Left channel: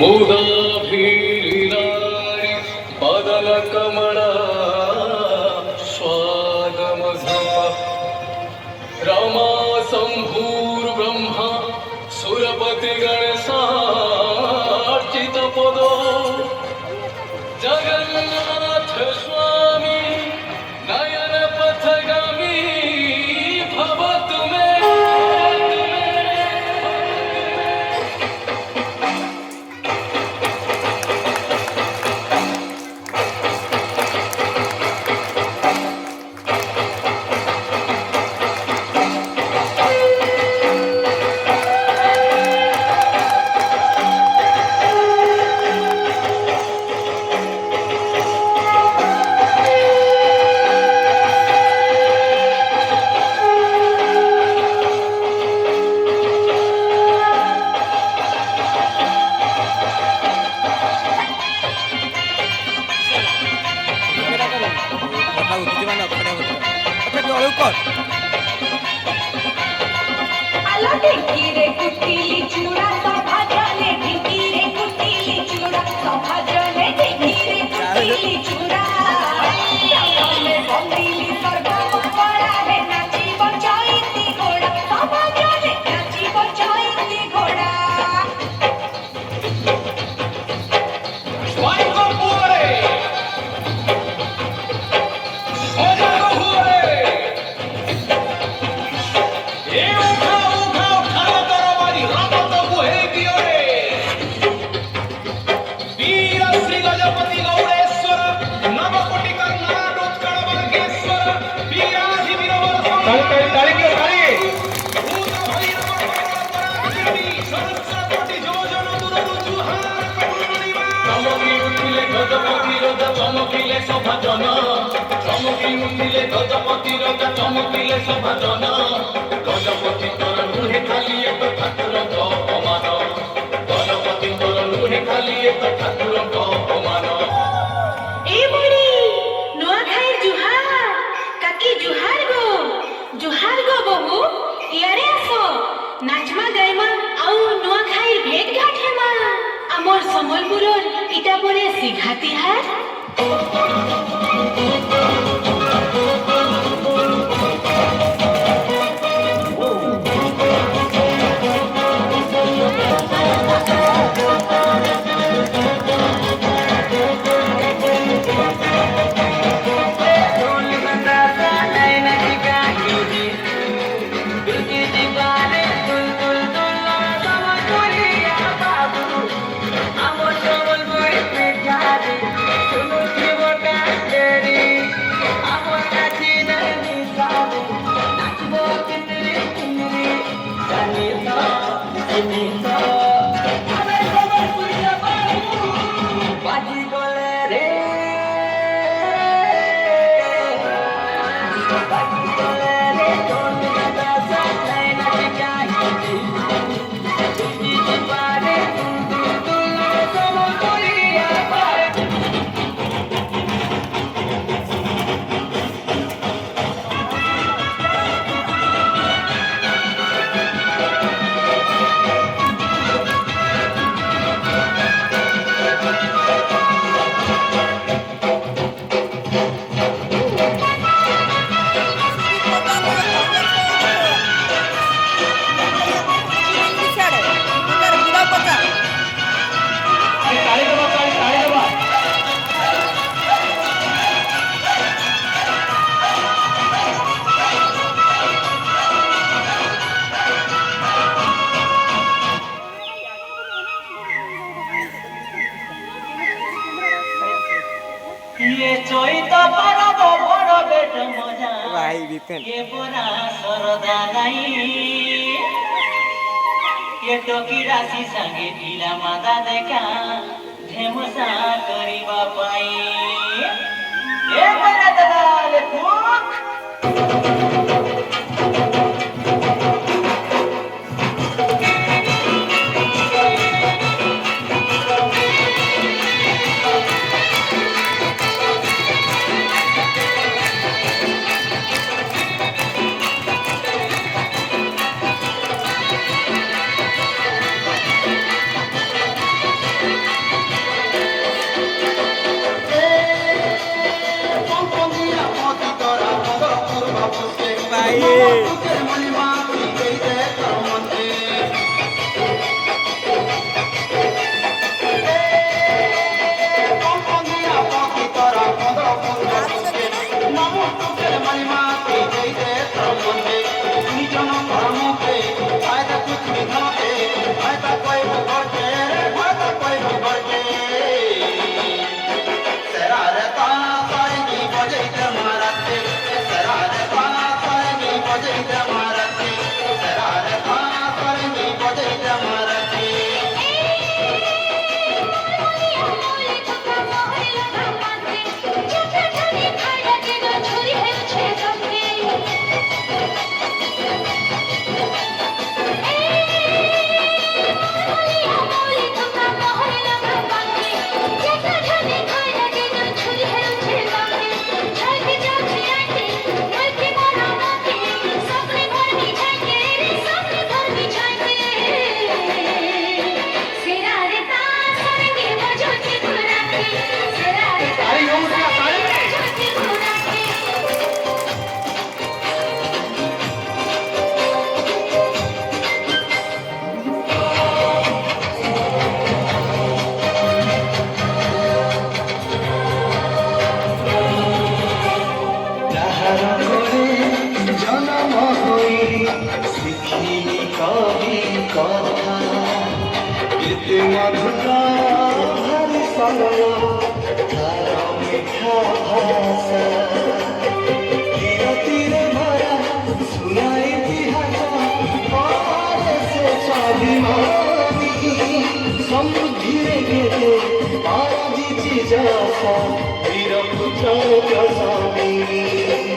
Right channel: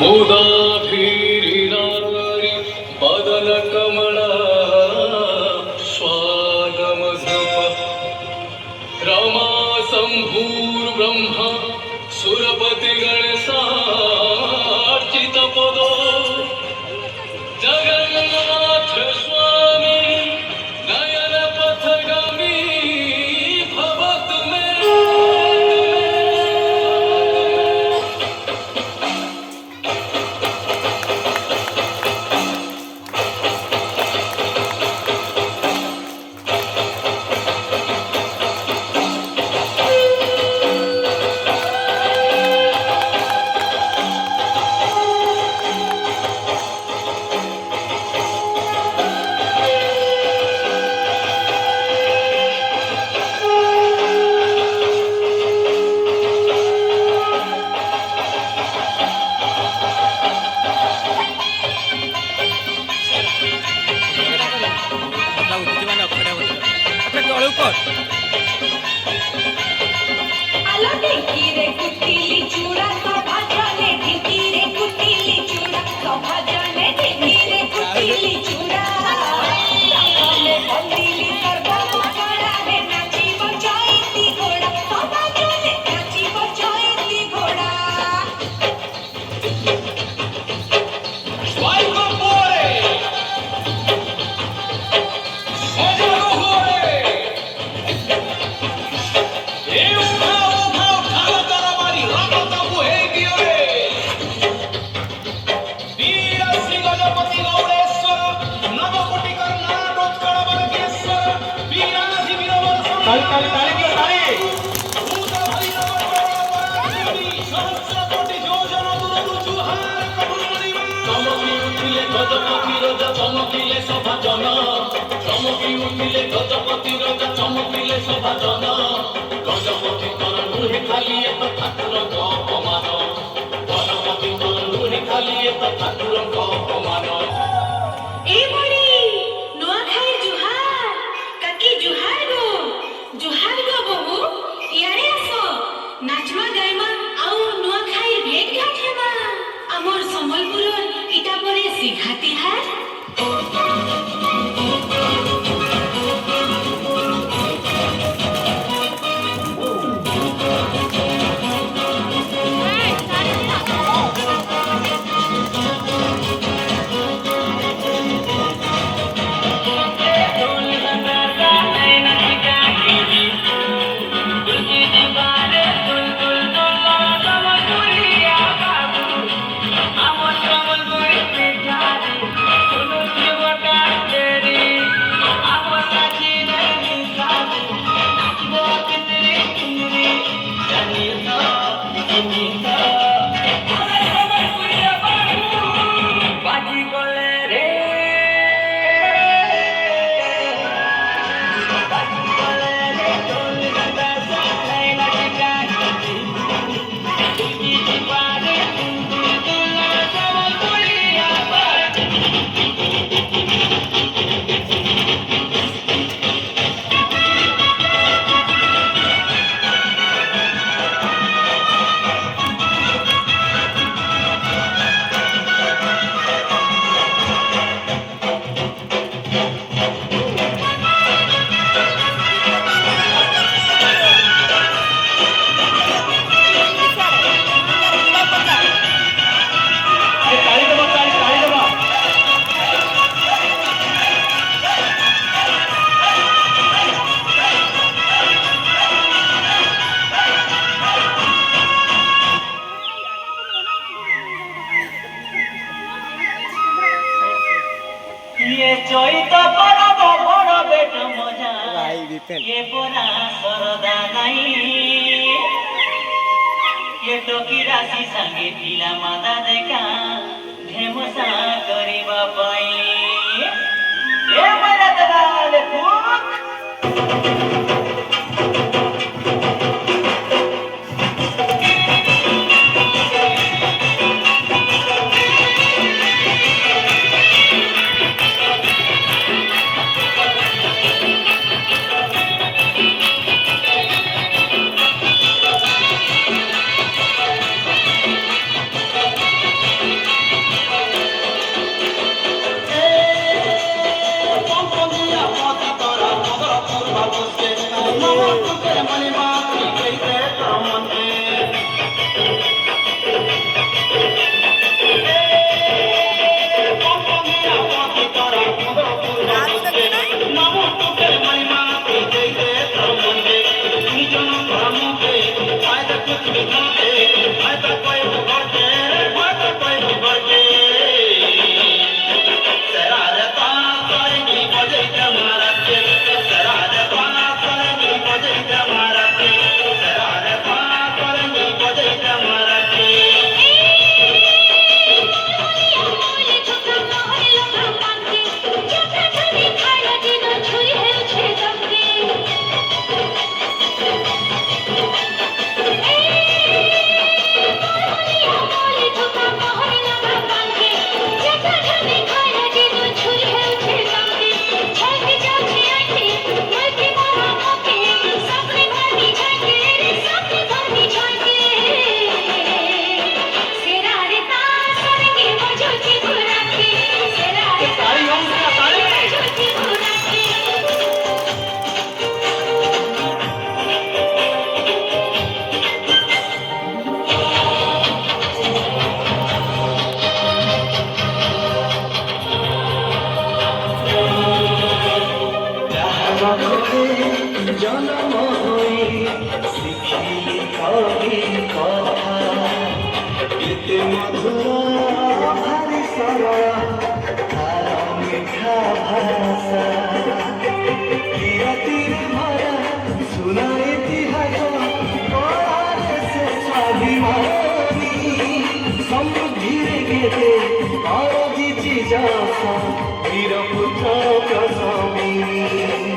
मुदाभिरिनारि बदनकमला स्वादमधुप रमा शम्भुर्ब्रह्म सुरपतिगणसार्चितपदो जगन्नाथ स्वामी नयनपथगामी भवतु मे। କଥା ଉଠୁଛି ମାନେ ଅଖାଡ଼ିଆ କଥା ଅଠା ତଳକୁ କର। চমকিলে সভাজন চমকি উঠিলে গজপতি রজা চমকিলে সভাজন গজপতি তোর নুহে খালি এক ঠাকুরଙ୍କ অপমান গজপতি তোর নুহে খালি এক ঠাকুরଙ୍କ অপমান। ए बड़ी नुआखाई जुहार काकी जुहार गो बहू यारे आसो नाचमा गाइमा आउ नुआखाई भेट घाट हेमा हमर संबलपुर इटा बोले सिघाती है। ये चैत परब बड़ बेट मजा भाई विपिन ये पुरा सरदा नाई ये टोकी राशि संगे ढीला मादा देखा ढेमुसा करिबा पाई ए बड़ा दलाल फूक ଏତେ ମଧୁର ଭାରି ସରଳ ତାର ମିଠା ଭାଷା ଧୀରେ ଭରା ସୁନା ଇତିହାସ ସେ ସ୍ୱାଭିମାନୀ ସମୃଦ୍ଧିରେ କେତେ ଆଜିଛି ଯାସ ବୀର ପୁତ୍ର ସ୍ୱାମୀ